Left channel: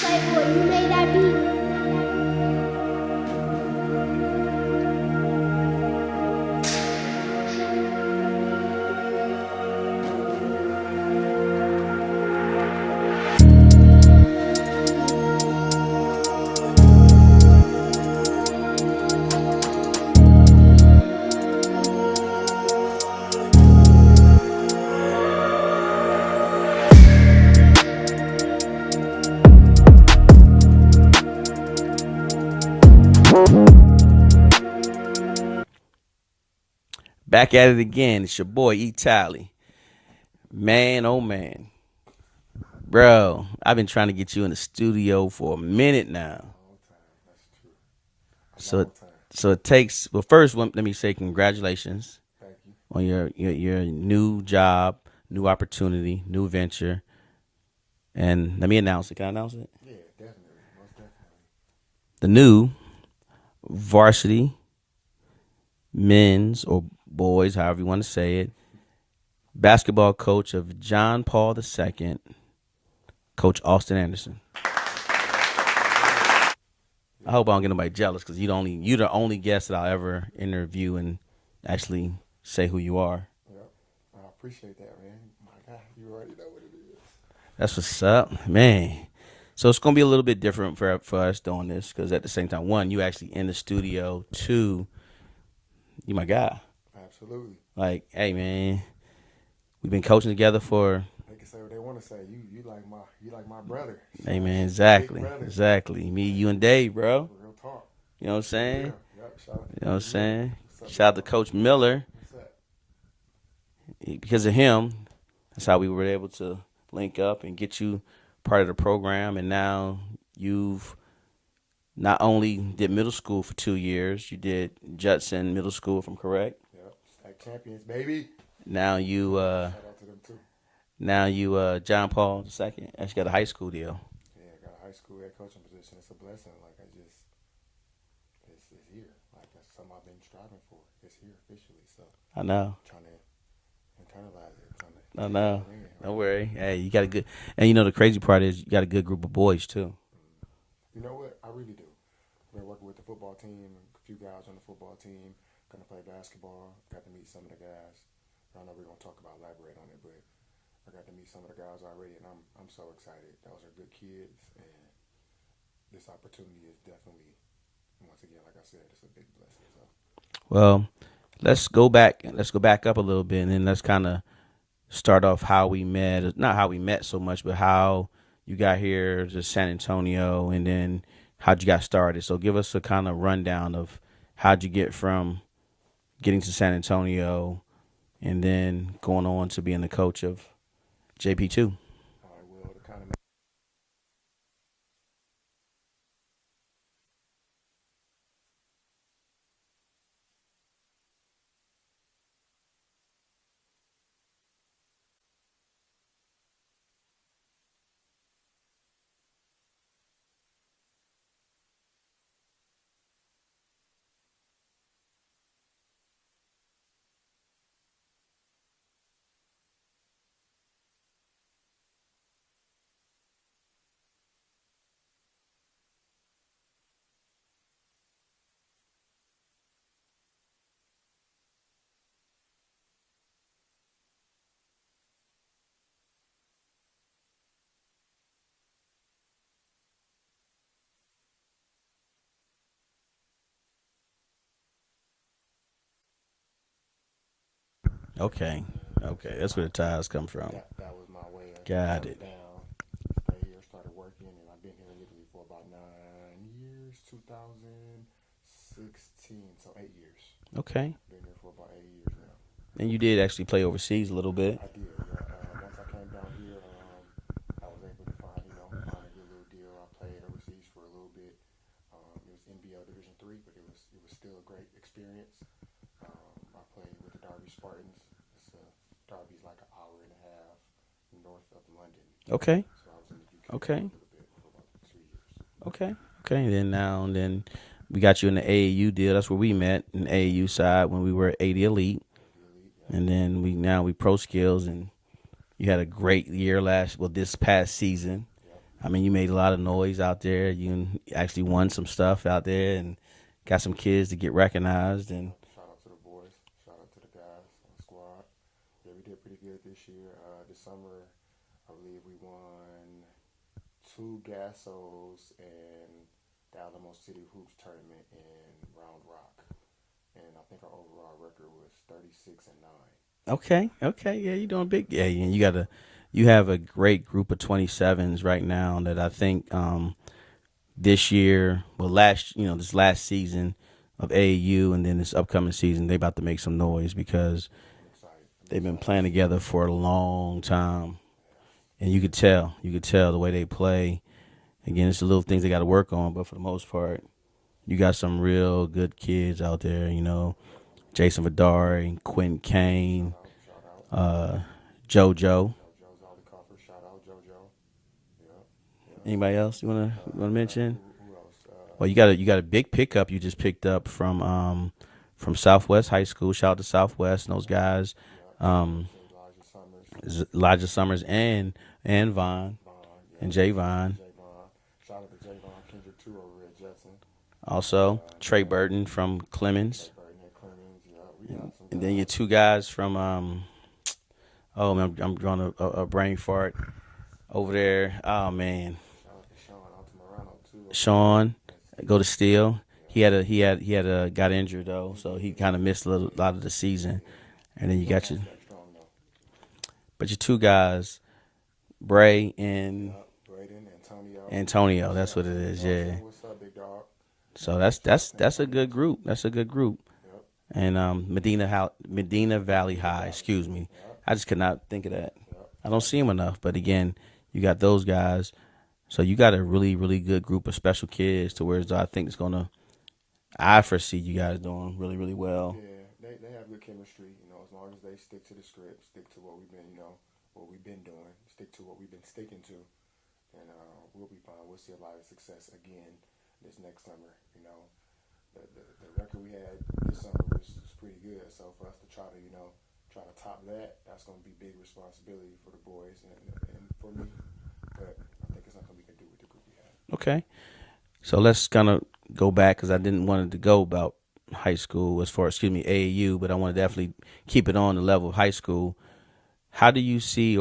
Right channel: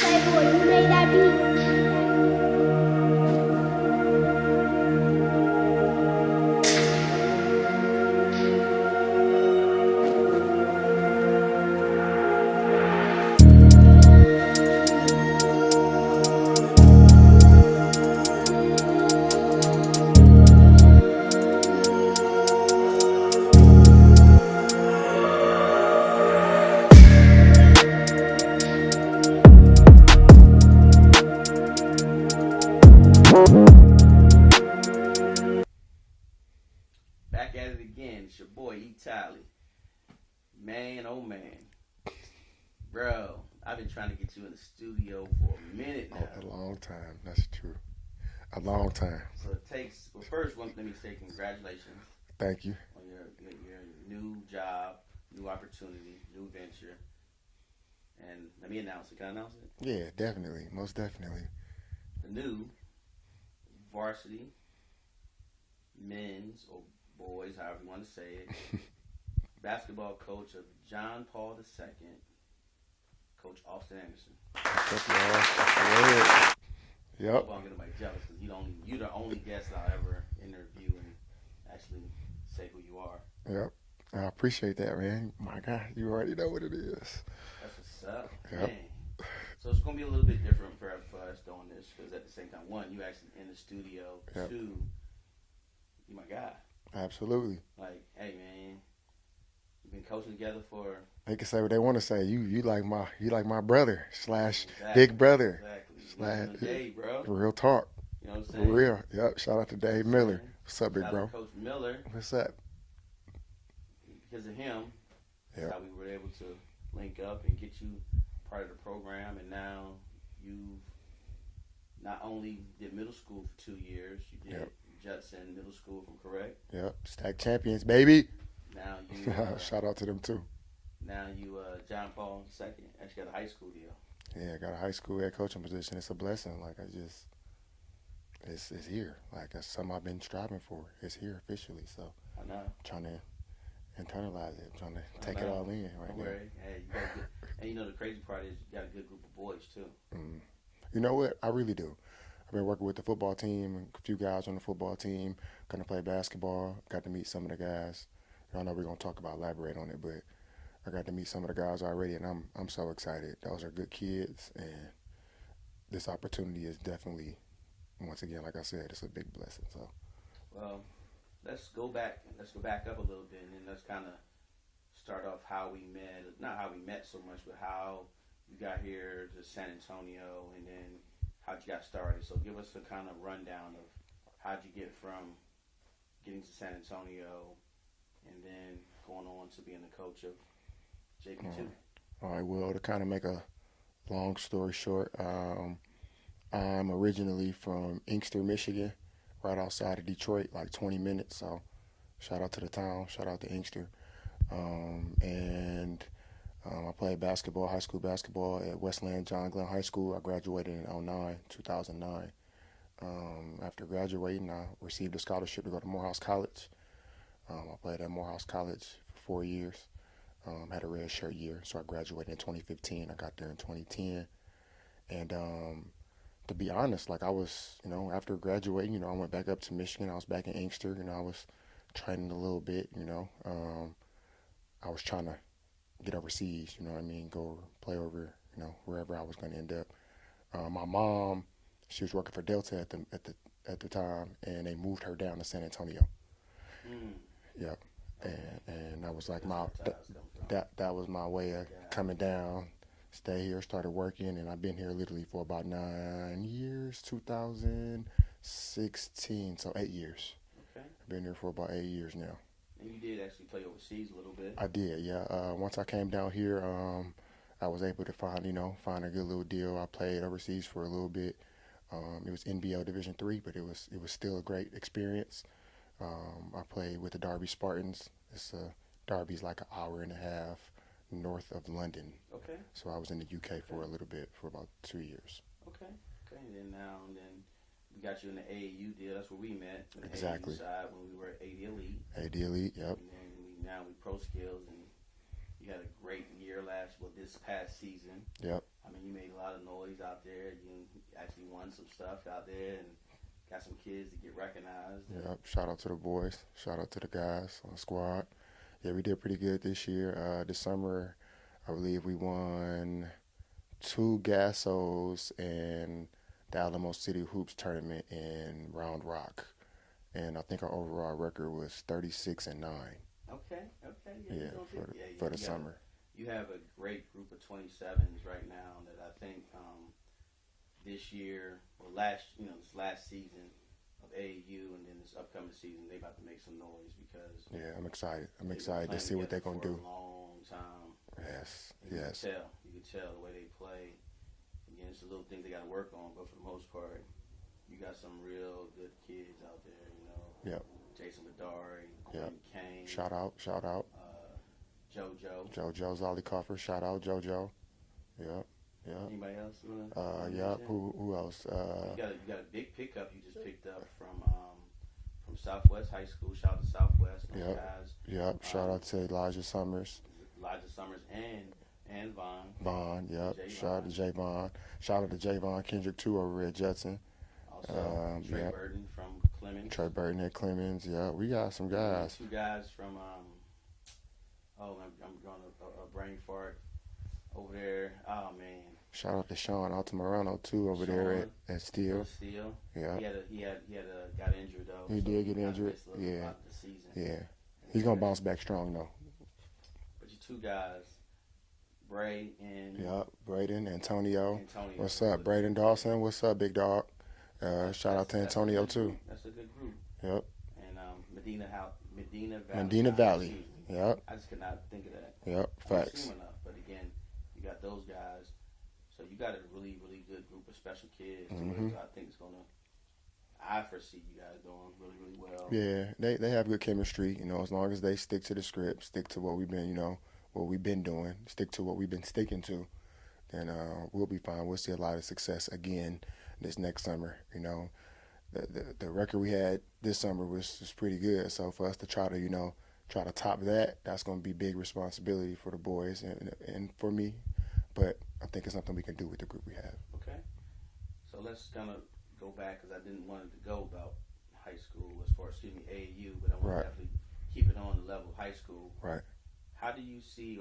Playboy, you made that beat. Back at it again. It's your boy E Tally. Man, oh man. Bro, I've been trying to get you in the studio for a minute now. A long time. That's true. A So, long time. so it takes, well, first, let me say congratulations Thank you. on your new job, new opportunity, new venture. And let me announce it. Can I announce it? Yeah, definitely. Most definitely. The new varsity men's or boys, however you want to say it, basketball coach of John Paul II, Coach Austin Anderson. I hope I don't get nobody jealous because you're the only guest that I'll ever interview and actually say who you are. Yep. I appreciate that, man. My God, you already know what it is. That's what's up, man. So it's gonna be a little bit different for us doing this because at the same time, one, you actually in the studio. Yep. Two, you my guy. Absolutely. Like, hey, man, we've been coaching together for. They can say what they want to say. You like my brother. Hey, man, exactly. Big brother. Exactly. Me, you, and Dave, bro. Real talk. You know what I'm saying? For real. Yep. Shout out to You know what I'm Dave Miller. saying? What's up, Shout out big to bro? Coach Miller. What's up? Because of him, that's how we were able to link up and get you part of the program. And now you've not only did middle school for 2 years, you did Judson Middle School, if I'm correct. Yep. Stack champions, baby. Now you shout out to them too. Now you John Paul II actually got a high school deal. Yeah, I got a high school head coaching position. It's a blessing. Like it's here. Like that's something I've been striving for. It's here officially. So I know. trying to internalize it. Trying to I take know. it all in. Right? Don't worry. Hey, you got a good, and you know the crazy part is you got a good group of boys too. You know what? I really do. I've been working with the football team, a few guys on the football team. Gonna play basketball. Got to meet some of the guys. I know we're gonna elaborate on it, but I got to meet some of the guys already, and I'm so excited. Those are good kids, and this opportunity is definitely, once again, like I said, it's a big blessing. So, well, let's go back. Let's go back up a little bit, and then let's kind of start off how we met. Not how we met so much, but how you got here to San Antonio, and then how'd you got started. So give us a kind of rundown of how'd you get from getting to San Antonio, and then going on to being the coach of JP2. all right. Well, to kind of make a long story short, I'm originally from Inkster, Michigan, right outside of Detroit, like 20 minutes. So, shout out to the town. Shout out to Inkster. I played basketball, high school basketball at Westland John Glenn High School. I graduated in 2009. After graduating, I received a scholarship to go to Morehouse College. I played at Morehouse College for 4 years. Had a red shirt year, so I graduated in 2015. I got there in 2010. And to be honest, like I was, after graduating, I went back up to Michigan. I was back in Inkster, I was training a little bit, I was trying to get overseas, go play over, wherever I was going to end up. My mom, she was working for Delta at the time, and they moved her down to San Antonio. Yep. Okay. Okay. That's where the ties come from. That was my way of coming down. Stay here, started working, and I've been here literally for about 9 years, 2016, so 8 years. Okay. Been here for about 8 years now. And you did actually play overseas a little bit. I did, yeah. Once I came down here, I was able to find a good little deal. I played overseas for a little bit. It was NBL Division III, but it was still a great experience. I played with the Derby Spartans. Derby's like an hour and a half north of London. Okay. So I was in the UK for a little bit, for about 2 years. Okay. Then we got you in the AAU deal. That's where we met in the AAU side when we were at AD Elite. AD Elite, yeah. And then we pro skills, and You had a great year this past season. Yep. I mean, you made a lot of noise out there. You actually won some stuff out there and got some kids to get recognized. And Yep. Shout out to the boys. Shout out to the guys on the squad. Yeah, we did pretty good this year. This summer, I believe we won 2 Gassos and the Alamo City Hoops tournament in Round Rock. And I think our overall record was 36-9. okay, yeah, you're doing big. Yeah, for and the you summer. you have a great group of 27s right now that I think this year, this last season of AAU and then this upcoming season, they about to make some noise because Yeah, I'm excited. they've been excited playing to see what together they're for a gonna do. long time. Yes. And you could tell the way they play. Again, it's the little things they got to work on, but for the most part, you got some real good kids out there. Yep. Jason Vidari, Quentin Kane, Shout out. JoJo. JoJo Zolikoffer. Shout out JoJo. Yep. Yep. Anybody else you wanna mention? Who else? Well, you got a big pickup you just picked up from Southwest High School. Shout out to Southwest and those guys. Yep. Shout out to Elijah Summers. Elijah Summers and Vaughn. Vaughn. Yep. And Javon. Shout out to Javon Kendrick too over at Judson. Also, Trey Burton from Clemens. Trey Burton at Clemens. Yeah, we got some guys. And then your 2 guys from oh man, I'm drawing a brain fart over there. Oh man, Shout out to Sean Altamirano too. Over Sean, there at Steel. go to Steel. Yeah. He had a got injured though, so did he get kind of injured. missed a Yeah. lot of the season. Yeah. And then He's you gonna got bounce your, back strong though. but your 2 guys, Bray and Yep. Braden, Antonio. Antonio. What's That's up, what it Braden is. Dawson? Yeah. What's up, big dog? So Shout out to that's a Antonio, good too. group. That's a good group. Yep. And Medina Valley Medina High. Valley. Excuse me. Yep. I just could not think of that. Yep. I don't see them enough. But again, you got those guys. So you got a really, really good group of special kids to where I think it's I foresee you guys doing really, really well. Yeah, they have good chemistry. As long as they stick to the script, stick to what we've been doing, stick to what we've been sticking to, then we'll be fine. We'll see a lot of success again this next summer. The record we had this summer was pretty good. So for us to try to top that, that's going to be big responsibility for the boys and for me. But I think it's something we can do with the group we have. Okay. So let's kind of go back because I didn't want it to go about high school AAU, but I want to definitely keep it on the level of high school. Right. How do you see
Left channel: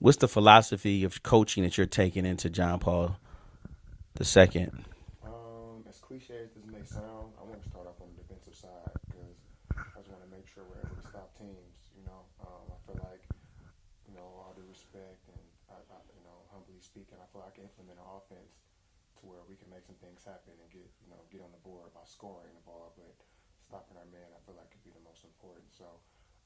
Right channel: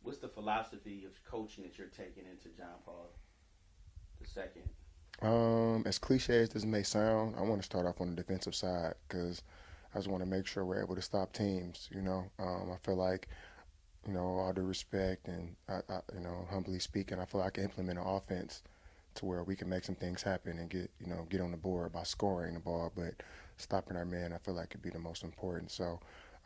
what's the philosophy of coaching that you're taking into John Paul II? As cliche as this may sound, I want to start off on the defensive side because I just want to make sure we're able to stop teams. I feel like, all due respect and I humbly speaking, I feel like I can implement an offense to where we can make some things happen and get on the board by scoring the ball, but stopping our man, I feel like could be the most important. So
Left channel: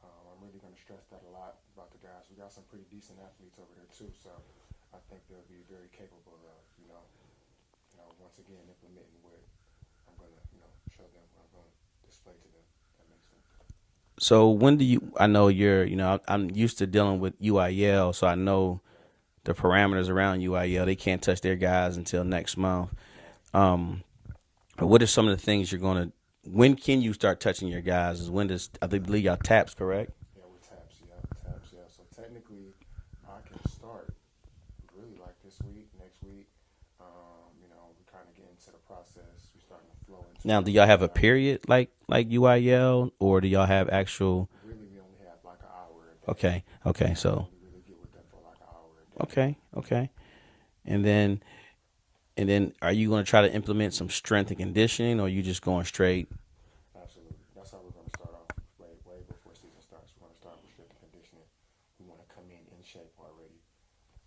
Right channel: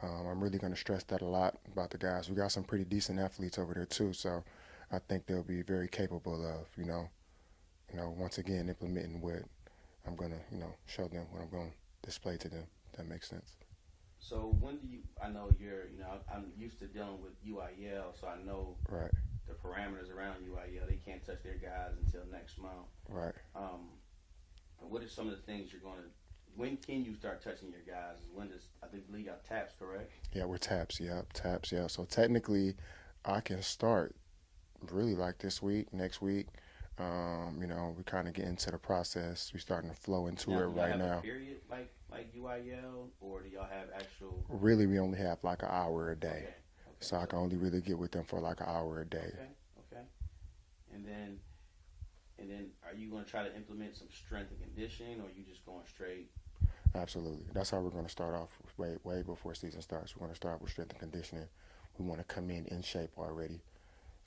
I'm really going to stress that a lot about the guys. We got some pretty decent athletes over there too, so I think they'll be very capable of, once again implementing what I'm going to, show them, what I'm going to display to them. If that makes sense. So I know I'm used to dealing with UIL, so I know Right. the parameters around UIL. They can't touch their guys until next month. Right. But what are some of the things when can you start touching your guys? I believe y'all taps, correct? Yeah, we're taps. Yeah, taps. Yeah. So technically, I can start really like this week, next week. We kind of get into the process. We're starting to flow into. Now, where do we y'all are have a now. period like UIL, or do y'all have actual? Really, we only have like an hour a day. Okay. So I only really get with them for like an hour a day. Okay. And then, are you going to try to implement some strength and conditioning, or are you just going straight? Absolutely. That's how we're going to start off way before season starts. We're going to start with strength and conditioning. We want to come in shape already.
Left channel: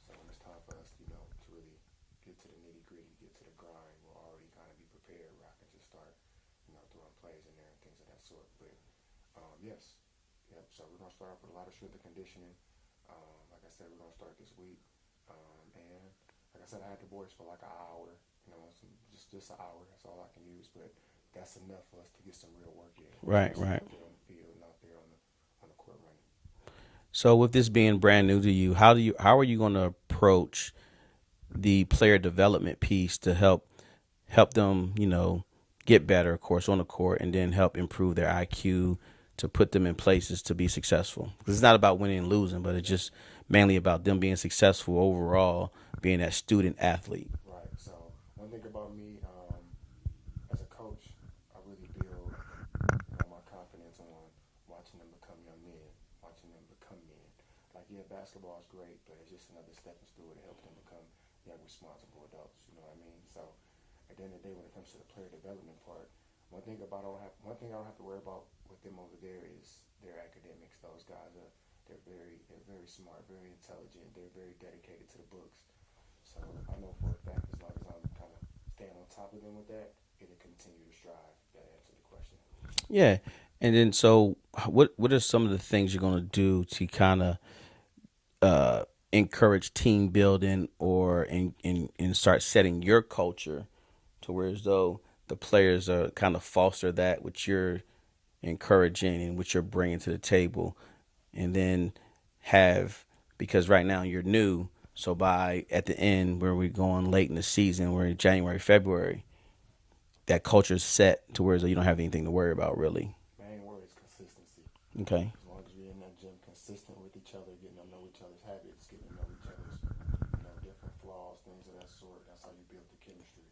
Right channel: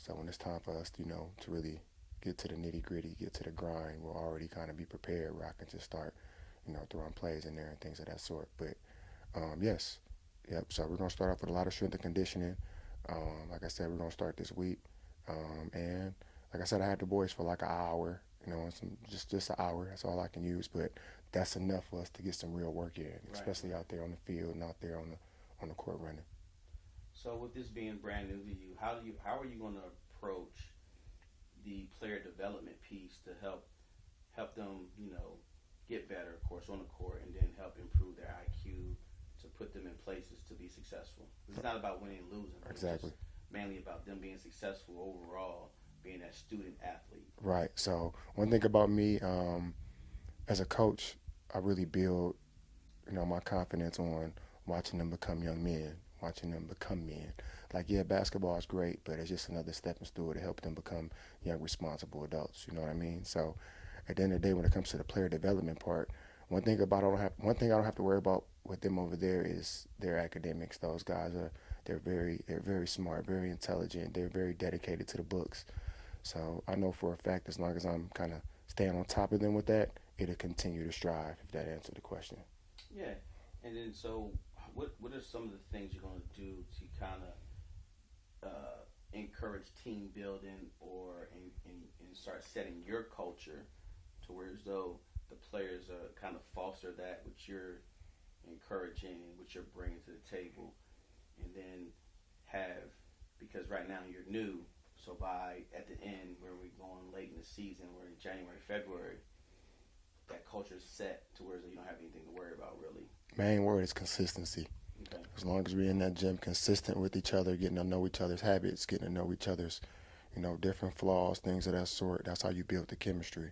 So when it's time for us, to really get to the nitty gritty, get to the grind, we'll already kind of be prepared where I can just start, throwing plays in there and things of that sort. But yes. Yep. So we're going to start off with a lot of strength and conditioning. Like I said, we're going to start this week. And like I said, I had the boys for like an hour, just an hour. That's all I can use. But that's enough for us to get some real work in. Especially out there on the field and out there on the court running. So with this being brand new to you, how are you going to approach the player development piece to help them, get better, of course, on the court, and then help improve their IQ to put them in places to be successful. Because it's not about winning and losing, but it's just mainly about them being successful overall, being that student athlete. Right. So one thing about me, as a coach, I really build, my confidence on watching them become young men, watching them become men. Like, yeah, basketball is great, but it's just another stepping stool to help them become young, responsible adults. You know what I mean? So, at the end of the day, when it comes to the player development part, one thing I don't have to worry about with them over there is their academics. Those guys are they're very smart, very intelligent. They're very dedicated to the books. So I know for a fact, as long as I'm kind of staying on top of them with that, it'll continue to strive. If that answered the question. Yeah. And then, so what are some of the things you're going to do to kind of encourage team building or and start setting your culture to where as though the players are kind of foster that which you're encouraging and what you're bringing to the table, and then have, because right now you're new, so by at the end where we're going late in the season, we're in January, February, that culture's set to where as though you don't have anything to worry about really. Main word is consistency. Okay. As long as we're in that gym, consistent with each other, getting to know each other's habits, getting to know each other's, different flaws, things of that sort. That's how you build the chemistry.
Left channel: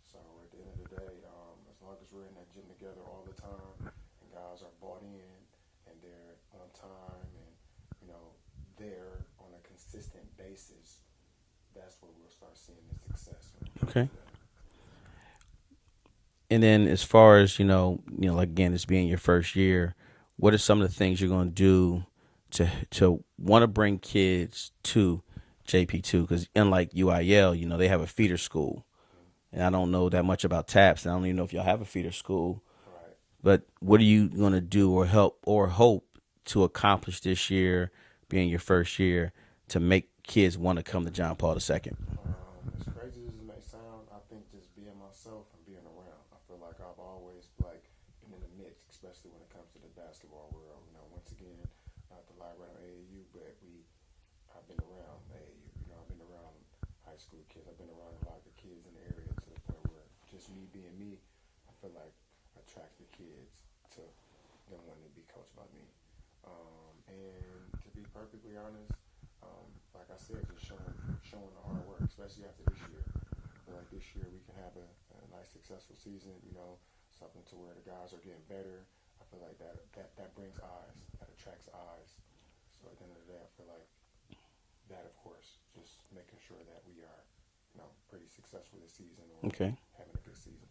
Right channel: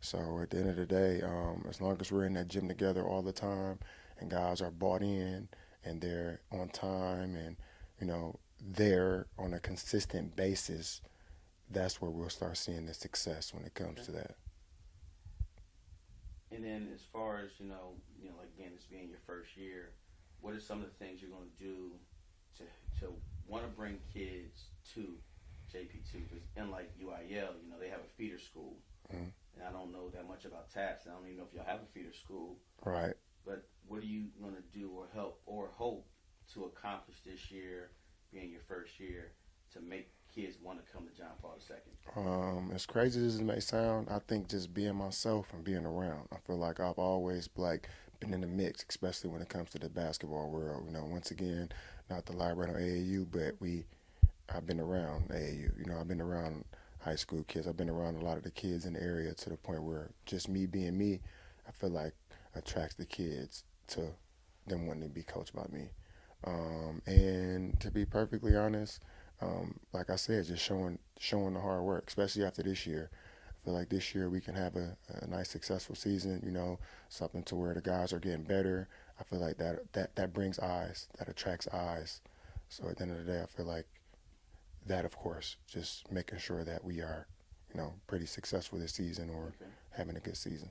So at the end of the day, as long as we're in that gym together all the time, and guys are bought in, and they're on time, and they're on a consistent basis, that's where we'll start seeing the success when it comes Okay. to that. And then as far as like again, it's being your first year, what are some of the things you're going to do to want to bring kids to JP2? Because unlike UIL, they have a feeder school, and I don't know that much about TAPS. And I don't even know if y'all have a feeder school. Right. But what are you going to do or help or hope to accomplish this year, being your first year, to make kids want to come to John Paul II? As crazy as it may sound, I think just being myself and being around. I feel like I've always been in the mix, especially when it comes to the basketball world. Once again, not to lie right on AAU, but I've been around AAU. I've been around high school kids. I've been around a lot of the kids in the area to the point where just me being me, I feel like attracts the kids to them wanting to be coached by me. And to be perfectly honest, like I said, just showing the hard work, especially after this year. I feel like this year we can have a nice, successful season, something to where the guys are getting better. I feel like that brings eyes, that attracts eyes. So at the end of the day, I feel like that, of course, just making sure that we are, pretty successful this season or Okay. having a good season.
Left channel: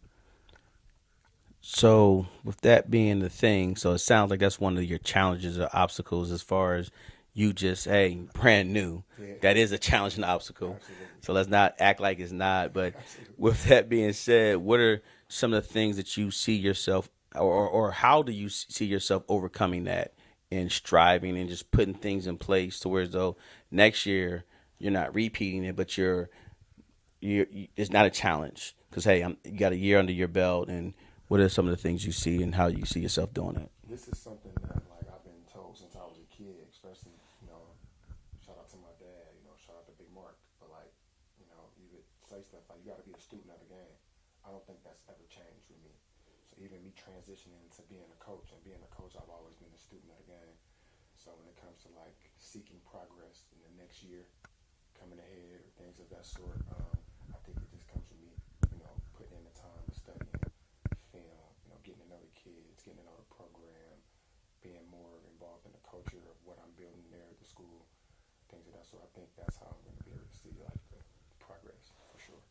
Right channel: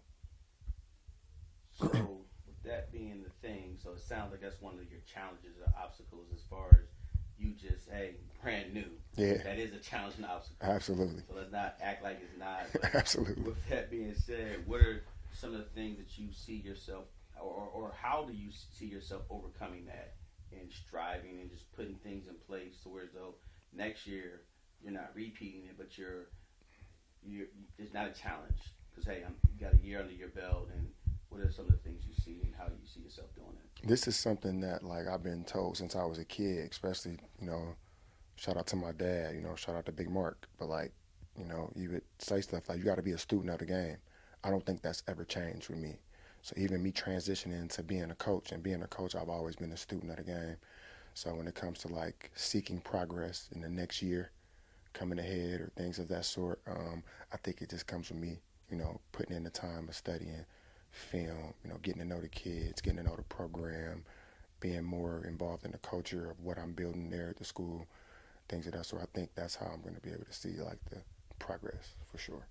So with that being the thing, so it sounds like that's one of your challenges or obstacles as far as you just, hey, brand new. Yeah. That is a challenge and obstacle. Absolutely. So let's not act like it's not. But Absolutely. with that being said, what are some of the things that you see yourself, or how do you see yourself overcoming that and striving and just putting things in place to where as though next year you're not repeating it, but you're it's not a challenge because, hey, you got a year under your belt, and what are some of the things you see and how you see yourself doing it? This is something that I've been told since I was a kid, especially, shout out to my dad, shout out to Big Mark. But you would say stuff like you got to be a student of the game. I don't think that's ever changed with me. So even me transitioning to being a coach, I've always been a student of the game. So when it comes to seeking progress in the next year, coming ahead or things of that sort, I think it just comes with me, putting in the time of studying film, getting to know the kids, getting to know the program, being more involved in the culture of what I'm building there at the school, things of that sort. I think that's how I'm going to be able to see the progress for sure.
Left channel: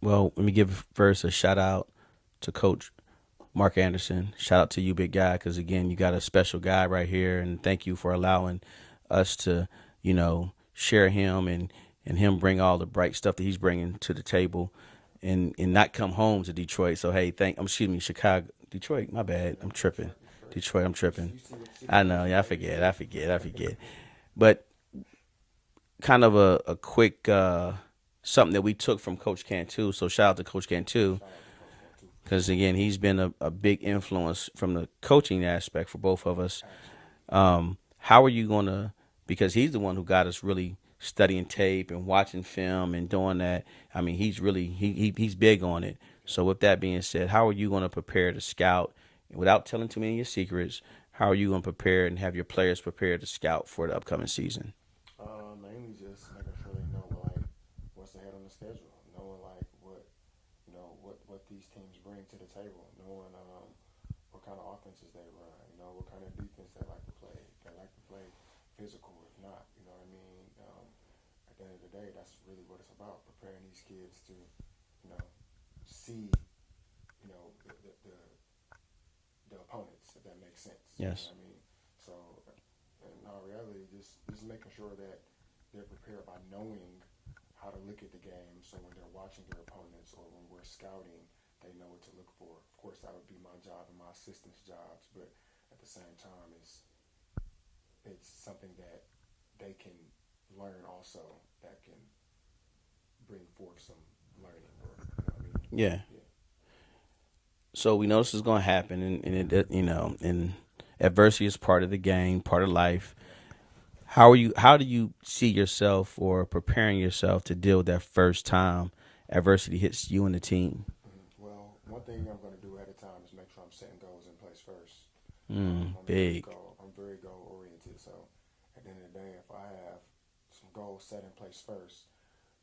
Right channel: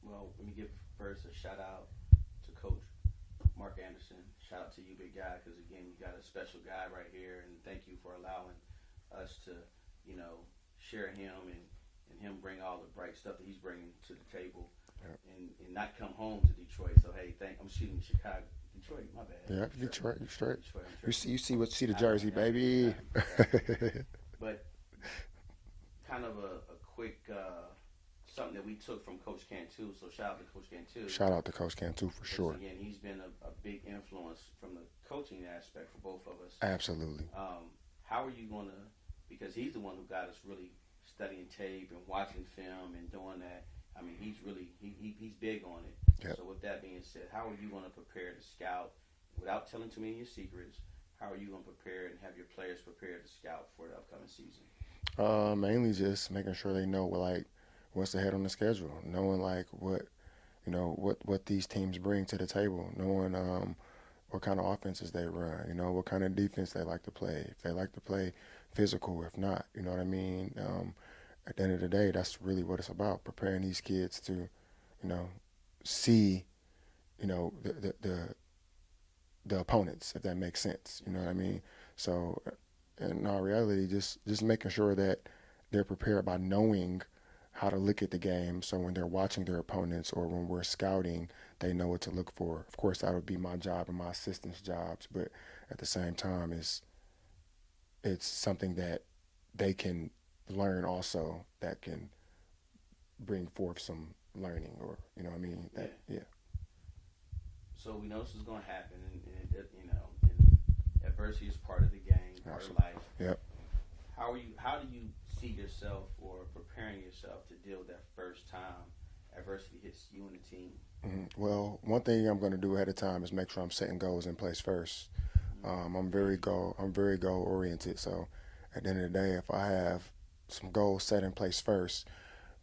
Well, let me give first a shout out to Coach Mark Anderson. Shout out to you, big guy, because again, you got a special guy right here, and thank you for allowing us to, share him and him bring all the bright stuff that he's bringing to the table. And not come home to Detroit. So hey, Chicago, Detroit. My bad. Yeah, I'm tripping. Detroit. I'm tripping. You see the I know. jersey, Yeah, baby. I forget. But kind of a quick something that we took from Coach Cantu. So shout out to Coach Cantu. Shout out to Coach Cantu for Because sure. again, he's been a big influence from the coaching aspect for both of us. Absolutely. How are you gonna? Because he's the one who got us really studying tape and watching film and doing that. I mean, he's really he's big on it. Yep. So with that being said, how are you going to prepare to scout without telling too many of your secrets? how are you going to prepare and have your players prepared to scout for the upcoming season? Mainly just making sure they know like what's ahead on the schedule, knowing like what what these teams bring to the table, knowing what kind of offenses they run, what kind of defense they like to play, if they like to play physical, if not, you know what I mean. At the end of the day, that's really what it's about, preparing these kids to, see, the opponents, if that makes sense. Yes. You know what I mean? So, in our reality, just making sure that they're prepared by knowing how to look at the game. So when they're watching their opponents or when we're scouting, they know what to look for. Of course, that would be my job and my assistant's jobs, but at the same time, it's something that they can learn also that can bring forth some learning, or you know what I mean? Yeah. Yeah. So we know this is going to happen, and it, and adversity is part of the game, part of life. Yep. How do you see yourself or preparing yourself to deal with that first time adversity hits you and the team? Well, one thing I'm going to do ahead of time is make sure I'm setting goals in place first. I'm Big. very goal oriented. So at the end of the day, if I have some goals set in place first,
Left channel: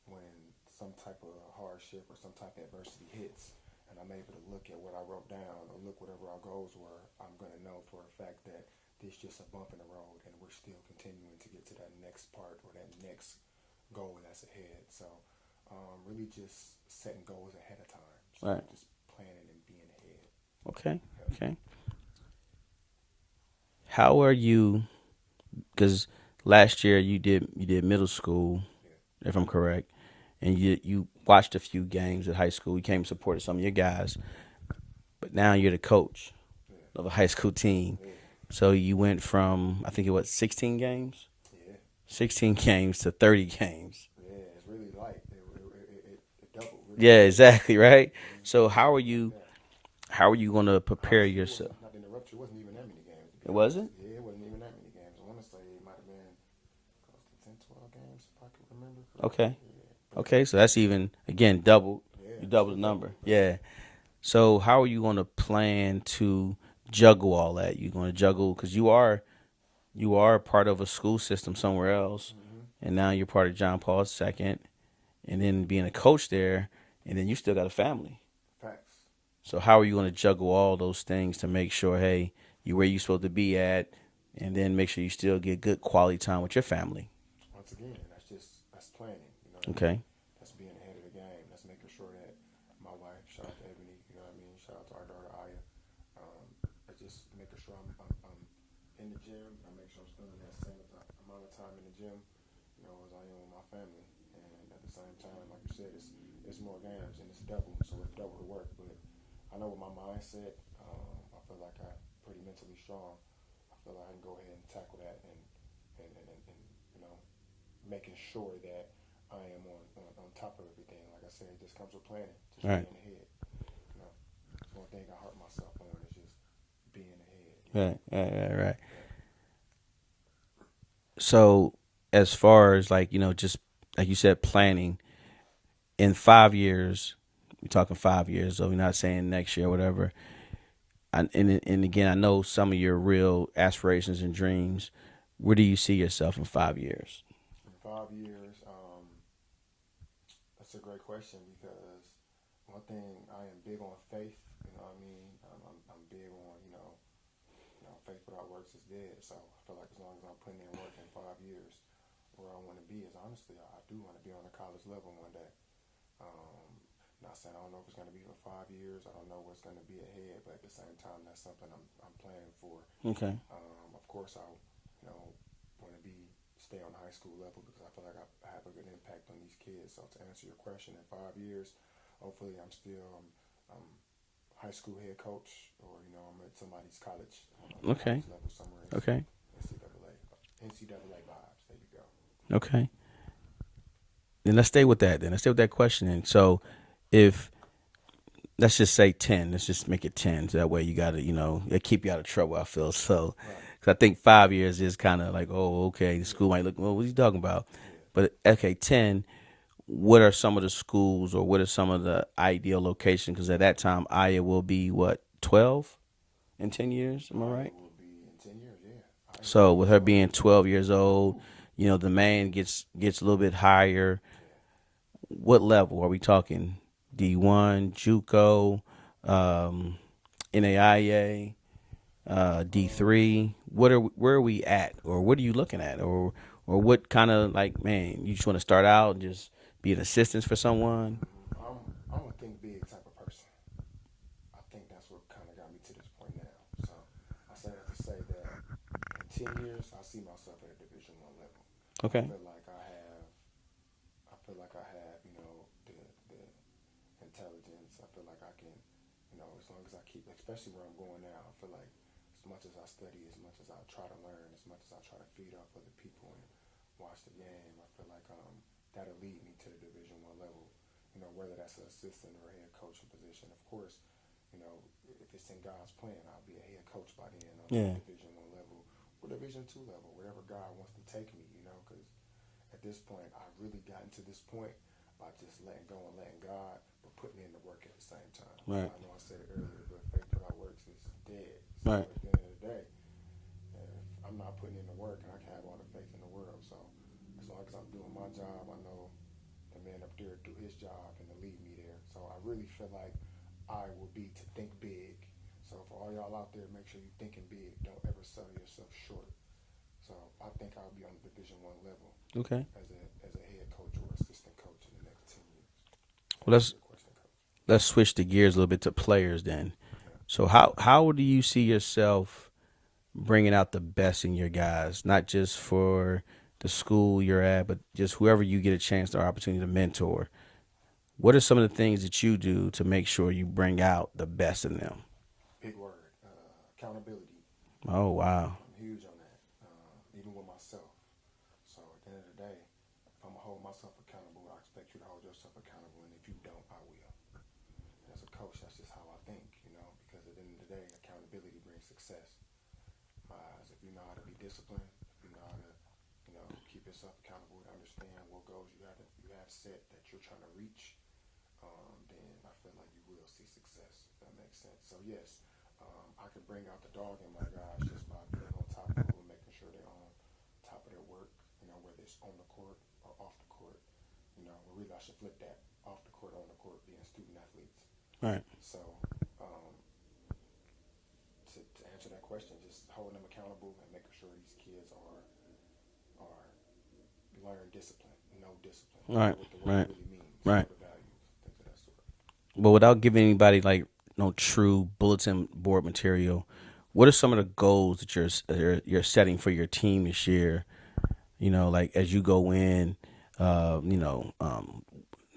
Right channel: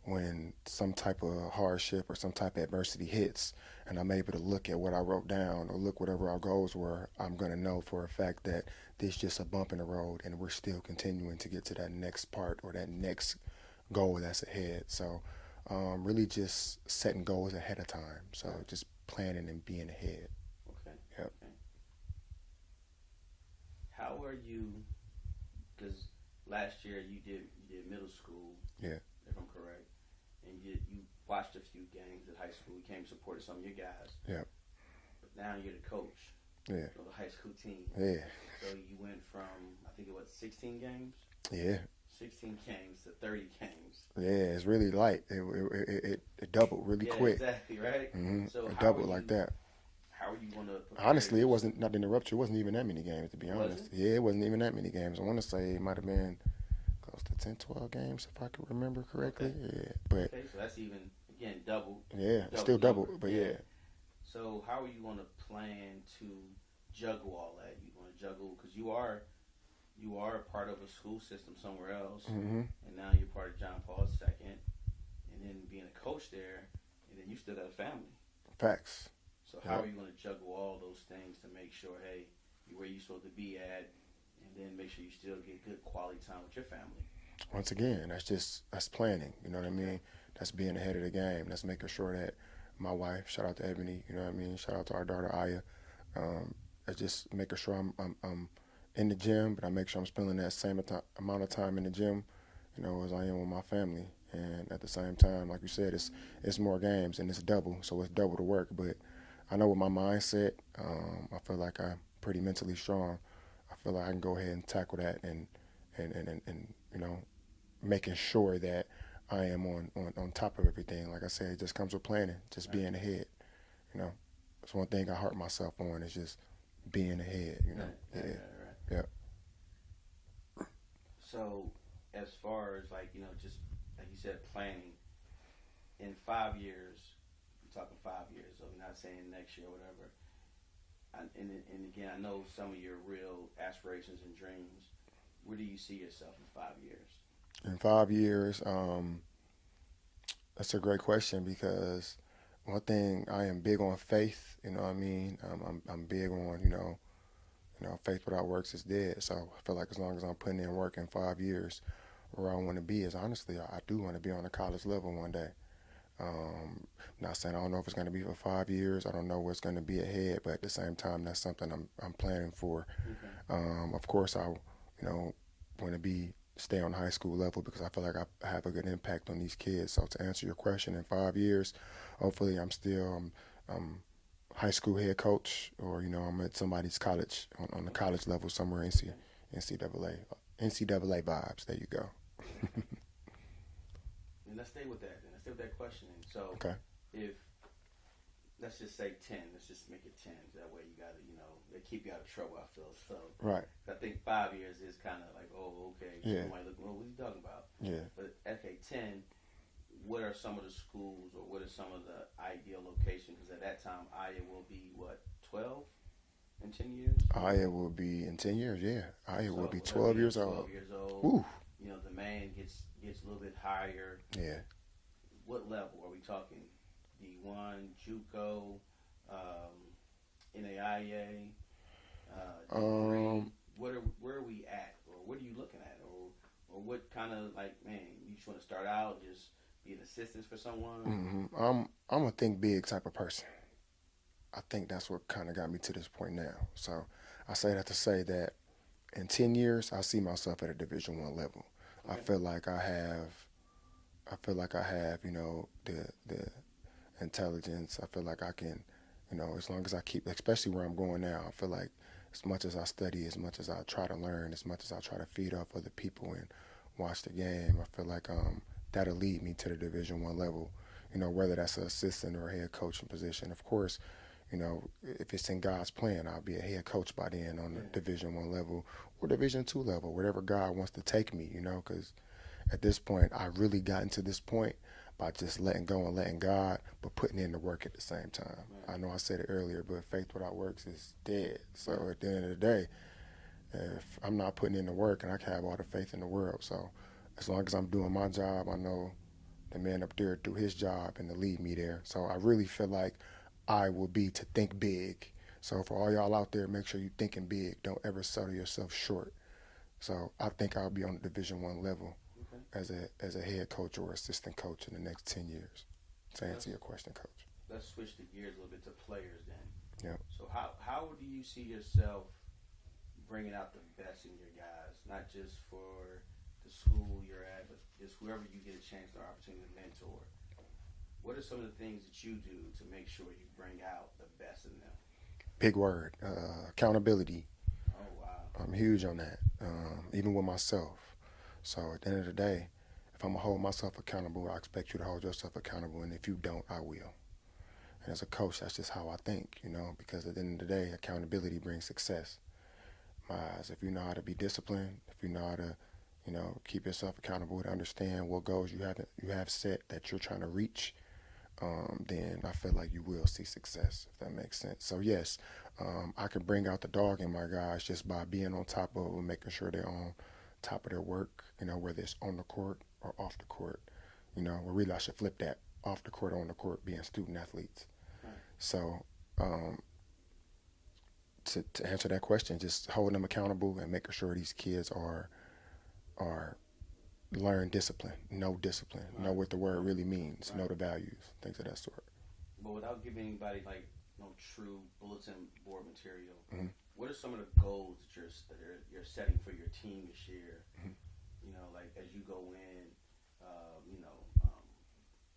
when some type of hardship or some type of adversity hits, and I'm able to look at what I wrote down or look whatever our goals were, I'm going to know for a fact that this is just a bump in the road, and we're still continuing to get to that next part or that next goal that's ahead. So really just setting goals ahead of time. So Right. just planning and being ahead. Okay. Yep. Okay. How are you? Because last year you did middle school, Yeah. if I'm correct, and you watched a few games at high school. You came and supported some of your guys, Yeah. but now you're the coach Yeah. of a high school team. Yeah. So you went from, I think it was 16 games, Yeah. 16 games to 30 games. Yeah. It's really light. It doubled really Yeah, quick. exactly, right? Mhm. So how are Doubled you? like that. How are you going to prepare Honestly, yourself? it wasn't, not to interrupt you, it wasn't even that many games, to be It honest. wasn't? Yeah, it wasn't even that many games. I want to say it might have been close to 10, 12 games, if I can remember correctly. Okay. Yeah. But, Okay, so that's even again double. Yeah. Double Still number. double. But Yeah. So how are you going to plan to juggle all that? You're going to juggle because you are part of a school system somewhere else, and now you're part of John Paul II, and then being a coach there, and then you still got a family. Facts. So how are you going to juggle all those things to make sure, hey, you're where you're supposed to be at, and then make sure you still get good quality time with your family? Once again, that's planning. You know what I Okay. mean? That's being ahead of the game. That's making sure that my wife, shout out to Ebony, you know what I mean? Shout out to our daughter Aya. That's just making sure I'm in the gym, but I make sure I'm spending that same amount of time in the gym, as I am with my family. And at the same time, like you said, it's more games and it's double, so it's double the work. But I know with my mindset, I feel like I'm pretty mentally strong. I feel like I can go ahead and tackle that and making sure that I am on top of everything. Like I said, it just comes with planning, just Right. being ahead. That's one thing I hurt myself on is just being ahead. Right. Yeah. So as far as just like you said, planning in 5 years, we're talking 5 years, so we're not saying next year or whatever. And again, I know some of your real aspirations and dreams. Where do you see yourself in 5 years? In 5 years, that's a great question because one thing I am big on faith. You know what I mean? I'm big on faith without works is dead. So I feel like as long as I'm putting in work in 5 years, where I want to be is honestly I do want to be on a college level one day. Not saying I don't know if it's going to be for 5 years. I don't know what's going to be ahead, but at the same time, that's something I'm planning for. Okay. Of course, I want to stay on high school level because I feel like I have a good impact on these kids. So to answer your question, in 5 years, hopefully I'm still high school head coach, or I'm at somebody's college on the Okay. college level somewhere in Okay. NCAA vibes. There you go. Okay. Then let's stay with that. Let's stay with that questioning. So, Okay. if let's just say 10, let's just make it 10. So that way you got to, it keep you out of trouble. I feel so. Right. Because I think 5 years is kind of like, oh, okay, the school Yeah. might look, well, what are you talking about? Yeah. But okay, 10. What are some of the schools, or what are some of the ideal locations? Because at that time, Aya will be what, 12? in 10 years? Am I Aya right? will be in 10 years. Yeah, Aya will So be with her 12 being years old. 12 years old, Ooh, the man gets a little bit higher. yeah. What level are we talking? D1, JUCO, um, NAIA, Um, D3. Where are we at, or what are you looking at, or what kind of like, man, you just want to start out and just be an assistant for someone? I'm a think big type of person. I think that's what kind of got me to this point now. So I say that to say that in 10 years, I see myself at a Division One level. I Okay. feel like I have. I feel like I have, the intelligence. I feel like I can, as long as I keep, especially where I'm going now. I feel like as much as I study, as much as I try to learn, as much as I try to feed off other people and watch the game, I feel like that'll lead me to the Division One level. Whether that's an assistant or a head coaching position. Of course, if it's in God's plan, I'll be a head coach by then on Yeah. the Division One level or Division Two level, wherever God wants to take me. Because at this point, I really gotten to this point by just letting go and letting God, but putting in the work at the same time. Right. I know I said it earlier, but faith without works is dead. So Right. at the end of the day, if I'm not putting in the work, and I can have all the faith in the world, so as long as I'm doing my job, I know the man up there do his job and to lead me there. So I really feel like I will be to think big. So for all y'all out there, make sure you're thinking big. Don't ever sell yourself short. So I think I'll be on the Division One level Okay. as a head coach or assistant coach in the next 10 years. To Well, answer your question, coach. let's switch the gears a little bit to players then. Yeah. So how do you see yourself bringing out the best in your guys, not just for the school you're at, but just whoever you get a chance or opportunity to mentor? What are some of the things that you do to make sure you bring out the best in them? Big word. Accountability. Oh wow. I'm huge on that. Even with myself. So at the end of the day, if I'm gonna hold myself accountable, I expect you to hold yourself accountable, and if you don't, I will. And as a coach, that's just how I think, because at the end of the day, accountability brings success. My eyes, if you know how to be disciplined, if you know how to, keep yourself accountable to understand what goals you have set that you're trying to reach, then I feel like you will see success, if that makes sense. So yes, I can bring out the dog in my guys just by being on top of them, making sure they're on top of their work, whether it's on the court or off the court. Well, really I should flip that, off the court, on the court, being student athletes. Right. So to answer that question, just holding them accountable and making sure these kids are learn discipline, know discipline, Right. know what the word Right. really means, Right. know the values, things of that sort. But without giving anybody like no true bulletin board material, what are some of the goals that you're setting for your team this year? Like as you go in, uh, you know, um,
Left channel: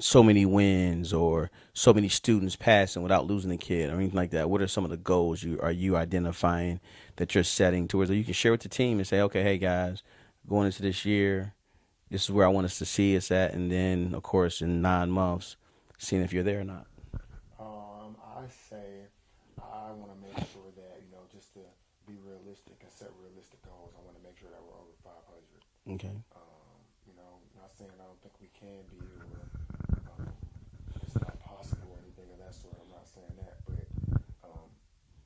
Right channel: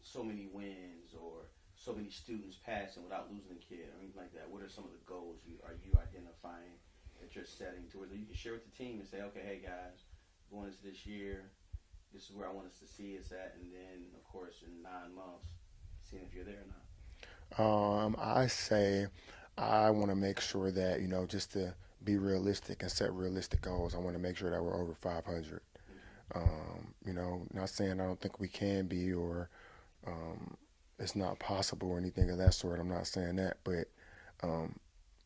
so many wins or so many students passing without losing a kid or anything like that. What are some of the goals you identifying that you're setting towards that you can share with the team and say, okay, hey guys, going into this year, this is where I want us to see us at, and then of course in 9 months, seeing if you're there or not. I say I want to make sure that, just to be realistic and set realistic goals, I want to make sure that we're over 500. Okay. Not saying I don't think we can be, or it's not possible or anything of that sort. I'm not saying that, but um,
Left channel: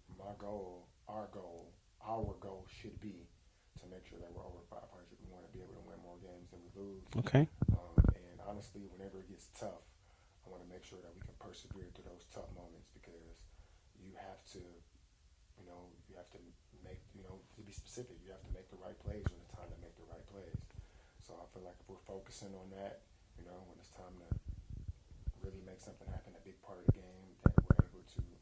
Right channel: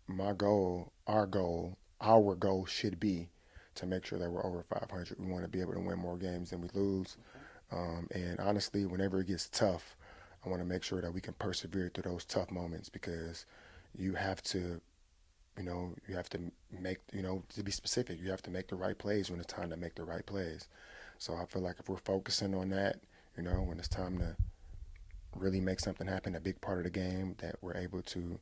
my goal, our goal should be to make sure that we're over 500. We want to be able to win more games than we lose. Okay. And honestly, whenever it gets tough, I want to make sure that we can persevere through those tough moments, because you have to, you have to make, to be specific, you have to make the right plays when it's time to make the right plays. So I feel like if we're focusing on that, when it's time to really make something happen, a big part of the game, that we're able to,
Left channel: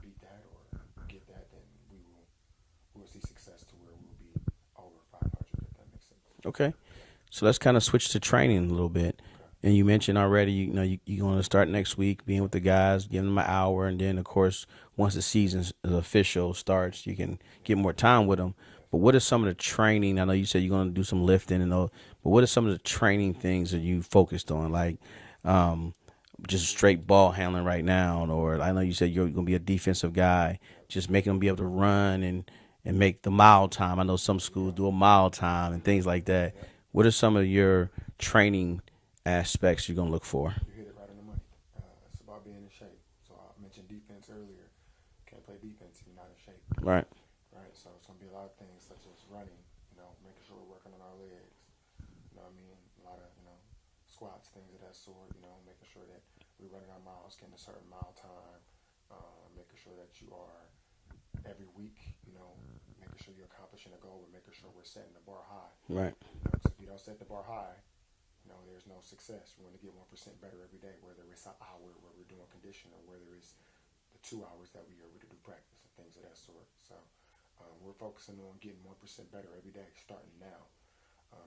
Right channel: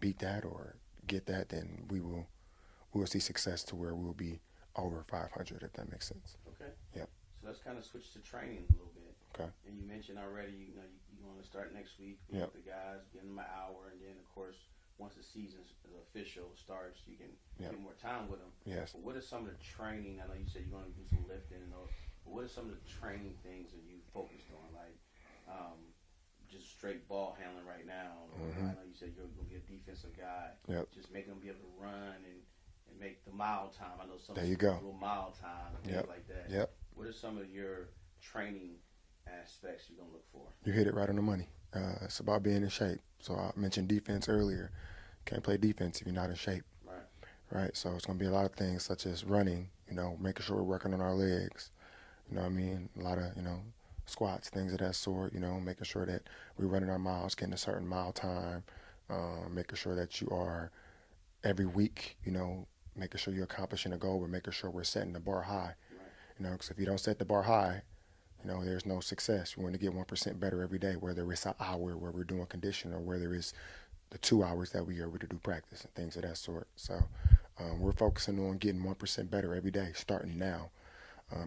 beat that or get that, then we will see success to where we'll be over 500, if that makes sense. Okay. Yeah. So let's kind of switch to training a little bit. Okay. And you mentioned already, you're going to start next week being with the guys, giving them an hour, and then of course once the season is official starts, you can get more time with them. Yes. But what are some of the training? I know you said you're going to do some lifting and all, but what are some of the training things that you focused on, like just straight ball handling right now, or I know you said you're going to be a defensive guy, Yep. just making them be able to run and make the mile time. I know some There you schools go. do a mile time and things like that. Yep. What are some of your training aspects you're going to look for? You hit it right on the money. It's about being in shape. So I mentioned defense earlier. Can't play defense if you're not in shape. Right. Right. So it's going to be a lot of things such as running, making sure we're working on our legs. You know what I mean? A lot of, squats, things of that sort, making sure that we're running our miles, getting a certain mile time, making sure that you are every week, making sure you're accomplishing a goal. We're making sure we're setting the bar high. Right. Because if you don't set the bar high, there's no success. We want to get 1% better every day, whether it's an hour where we're doing condition or whether it's the 2 hours that we are able to do practice and things of that sort. So we're focusing on getting 1% better every day, starting now.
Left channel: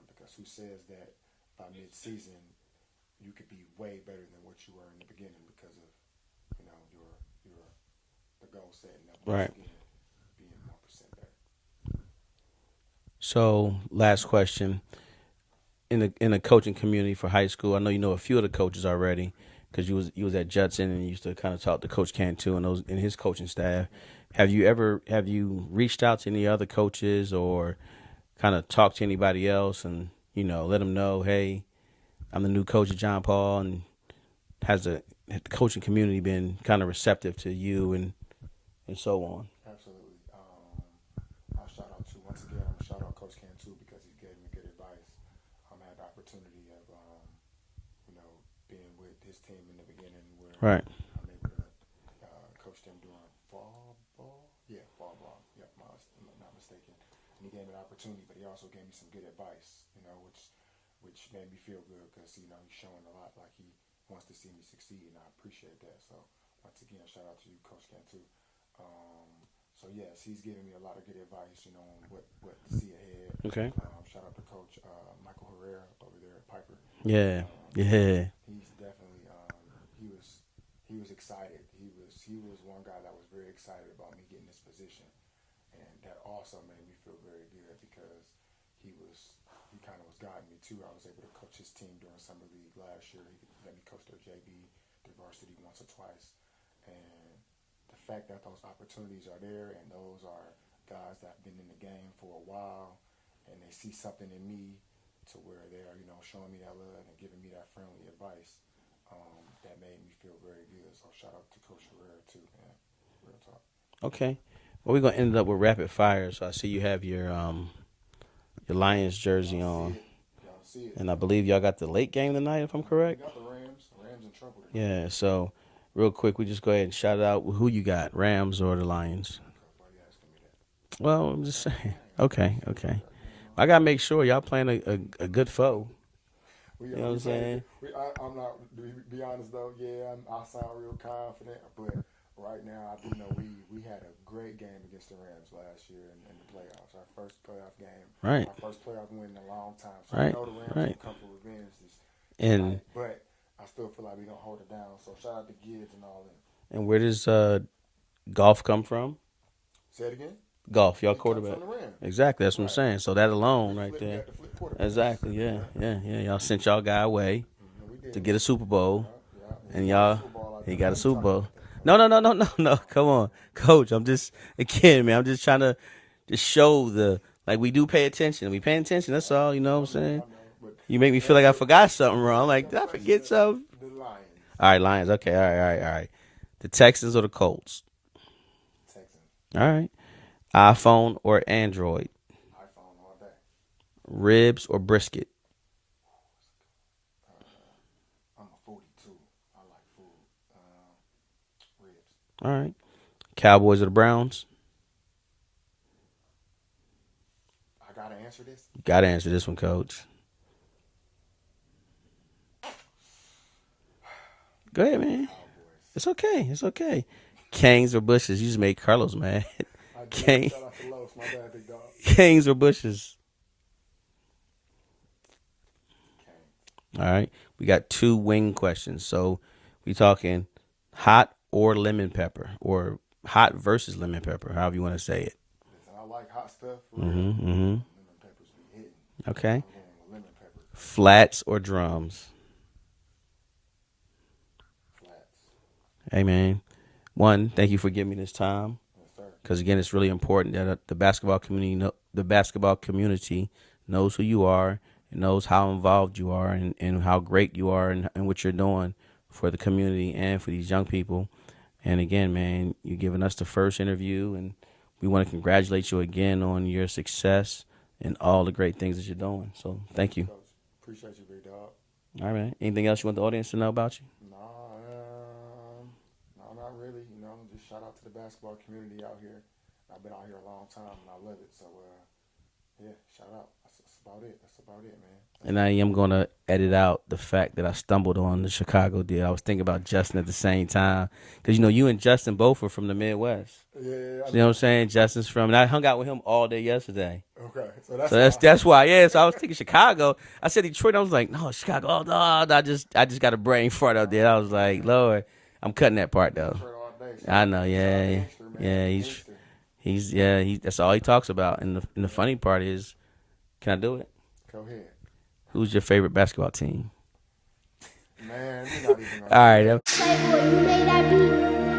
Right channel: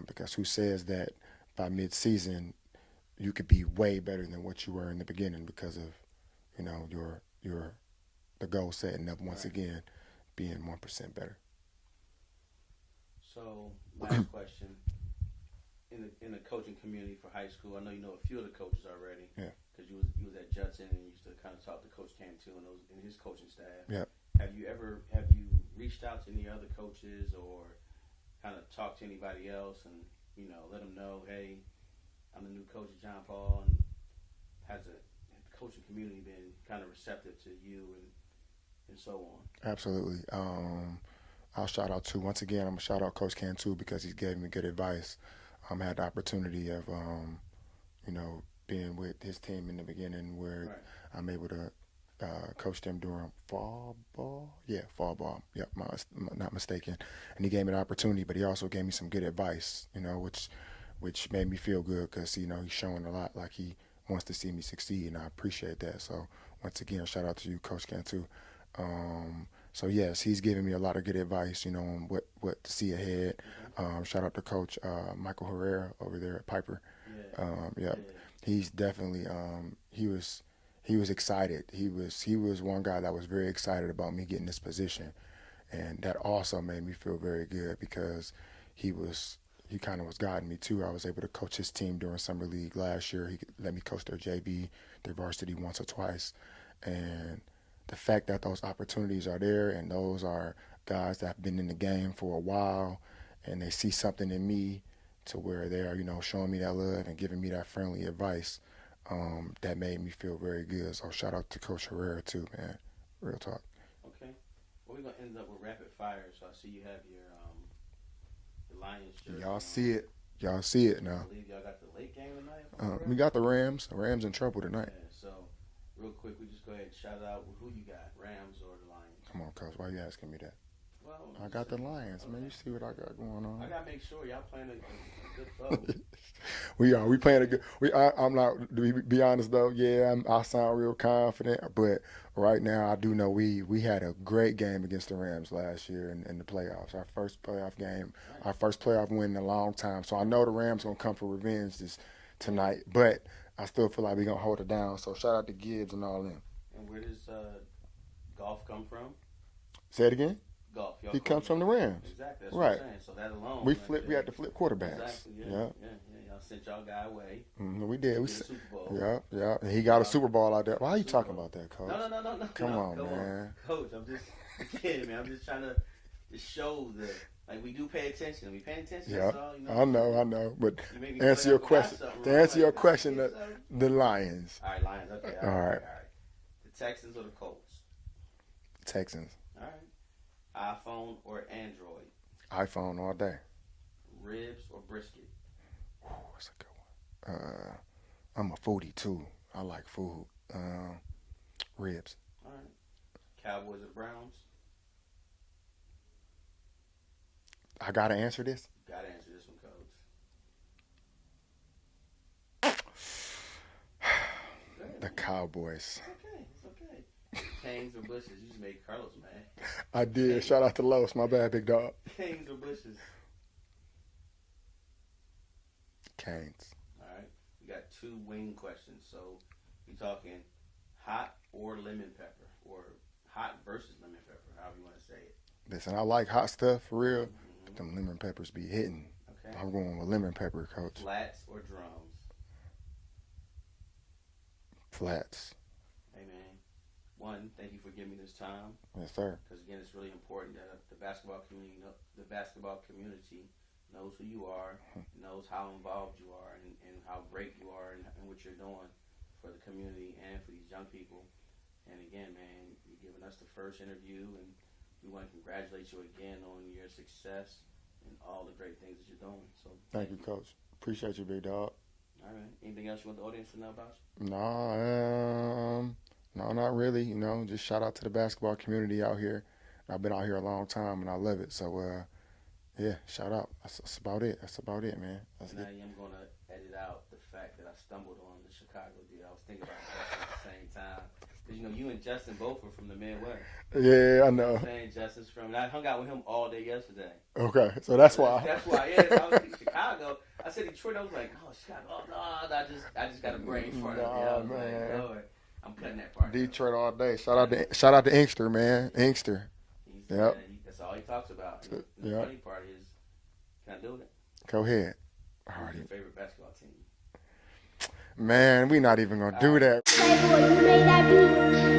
Because who says that by mid-season you could be way better than what you were in the beginning because of, your the goal setting up once again being 1% better. So last question. In the coaching community for high school, I know you know a few of the coaches already because you was at Judson and you used to kind of talk to Coach Cantu and his coaching staff. Yeah. Have you reached out to any other coaches or kind of talked to anybody else and let them know, hey, I'm the new coach of John Paul, and has the coaching community been kind of receptive to you and so on? Absolutely. I'll shout out once again, I'm going to shout out Coach Cantu because he gave me good advice. I had the opportunity of, being with his team in the beginning where I'm able to coach them during fall ball. Yeah, fall ball. Yep, not mistaken. And he gave me the opportunity, but he also gave me some good advice, which made me feel good because, he's showing a lot like he wants to see me succeed, and I appreciate that. So once again, shout out to you, Coach Cantu. So yes, he's giving me a lot of good advice, on what to see ahead. Okay. Shout out to Coach Michael Herrera over there at Piper. Yeah. He's definitely he was excited. He was one guy that was very excited about me getting this position, and that also made me feel very good because he kind of was guiding me too. I was able to coach his team during summer league last year. He let me coach their JV, their varsity once or twice, and the fact that those opportunities are there and those are guys that have been in the game for a while and they see something in me to where they're, showing me that love and giving me that friendly advice, that made me feel very good. So shout out to Coach Herrera too, man. Real talk. Okay. Well, we're going to end up with rapid fire. So I see you have your Lions jersey on. Y'all see it. And I believe y'all got the late game tonight, if I'm correct. We got the Rams. The Rams in trouble tonight. Yeah, so real quick, we just go ahead and shout out who you got, Rams or the Lions. Come on, Coach. Why are you asking me that? Well, I'm just saying. Okay. I got to make sure y'all playing a good foe. We are. We playing a good. I'm not. To be honest though, yeah, I sound real confident, but right now I do know we had a great game against the Rams last year in the playoffs. Our first playoff game, our first playoff win in a long time. So I know the Rams will come for revenge tonight, but I still feel like we're gonna hold it down. So shout out to Gibbs and all them. And where does golf come from? Say it again. Golf, y'all he quarterback. comes from the Rams. Exactly, that's what I'm saying. So that alone, we there. We had to flip quarterbacks. Exactly, yeah. Y'all sent y'all guy away we did. to get a Super Bowl. Yeah. He got a Super Bowl out there. He got a Super Bowl. That, no. Come on, Coach. I'm just man. I'm just trying to show we do pay attention. We paying attention. That's all. You know what I'm saying? I know. But you make me feel like I forgot something wrong. Like, get some. The Lions. All right, Lions. Okay. All right. The Texans or the Colts? Texans. All right. iPhone or Android? iPhone all day. Ribs or brisket? That's a good one. I'm a foodie too. I like food. Ribs. All right. Cowboys or the Browns? I gotta answer this. You gotta answer this one, Coach. Go ahead, man. Cowboys. It's okay. Canes or bushes? You just made Carlos mad. I did. Shout out to Los. My bad, big dog. Canes or bushes? Canes. All right. We got 2 wing questions. So we talking hot or lemon pepper, or hot versus lemon pepper, however you want to say it. Listen, I like hot stuff for real. Mm-hmm. Them lemon peppers be hitting. Okay. I'm going with lemon pepper. Coach. Flats or drums? Flats. Hey, man. One, thank you for giving me this time. Yes, sir. Because again, it's really important that the basketball community knows who you are, and knows how involved you are, and how great you are, and what you're doing for the community and for these young people. And again, man, you're giving us the first interview, and we want to congratulate you again on your success and all the great things that you're doing. So thank you. Coach. Appreciate you, big dog. All right, man. Anything else you want the audience to know about you? No, not really. You know, just shout out to the basketball community out here. I've been out here a long time, and I love it. So, yeah, shout out. That's about it. That's about it, man. And I am going to edit out the fact that I stumbled on the Chicago deal. I was thinking about Justin at the same time. Because, you know, you and Justin both were from the Midwest. Yeah, I know. You know what I'm saying? Justin's from, and I hung out with him all day yesterday. Okay, so that's So why. that's why. Yeah, so I was thinking Chicago. I said Detroit. I was like, no, Chicago. Oh, no, I just got a brain fart up there. I was like, Lord, I'm cutting that part, though. Detroit all day. I know, yeah. Shout out to Inkster, man. Yeah, Inkster. He's Yeah. that's all he talks about. And the funny part is, can I do it? Go ahead. Who's your favorite basketball team? Man, we not even going to All do right, that. Playboy, you made that beat.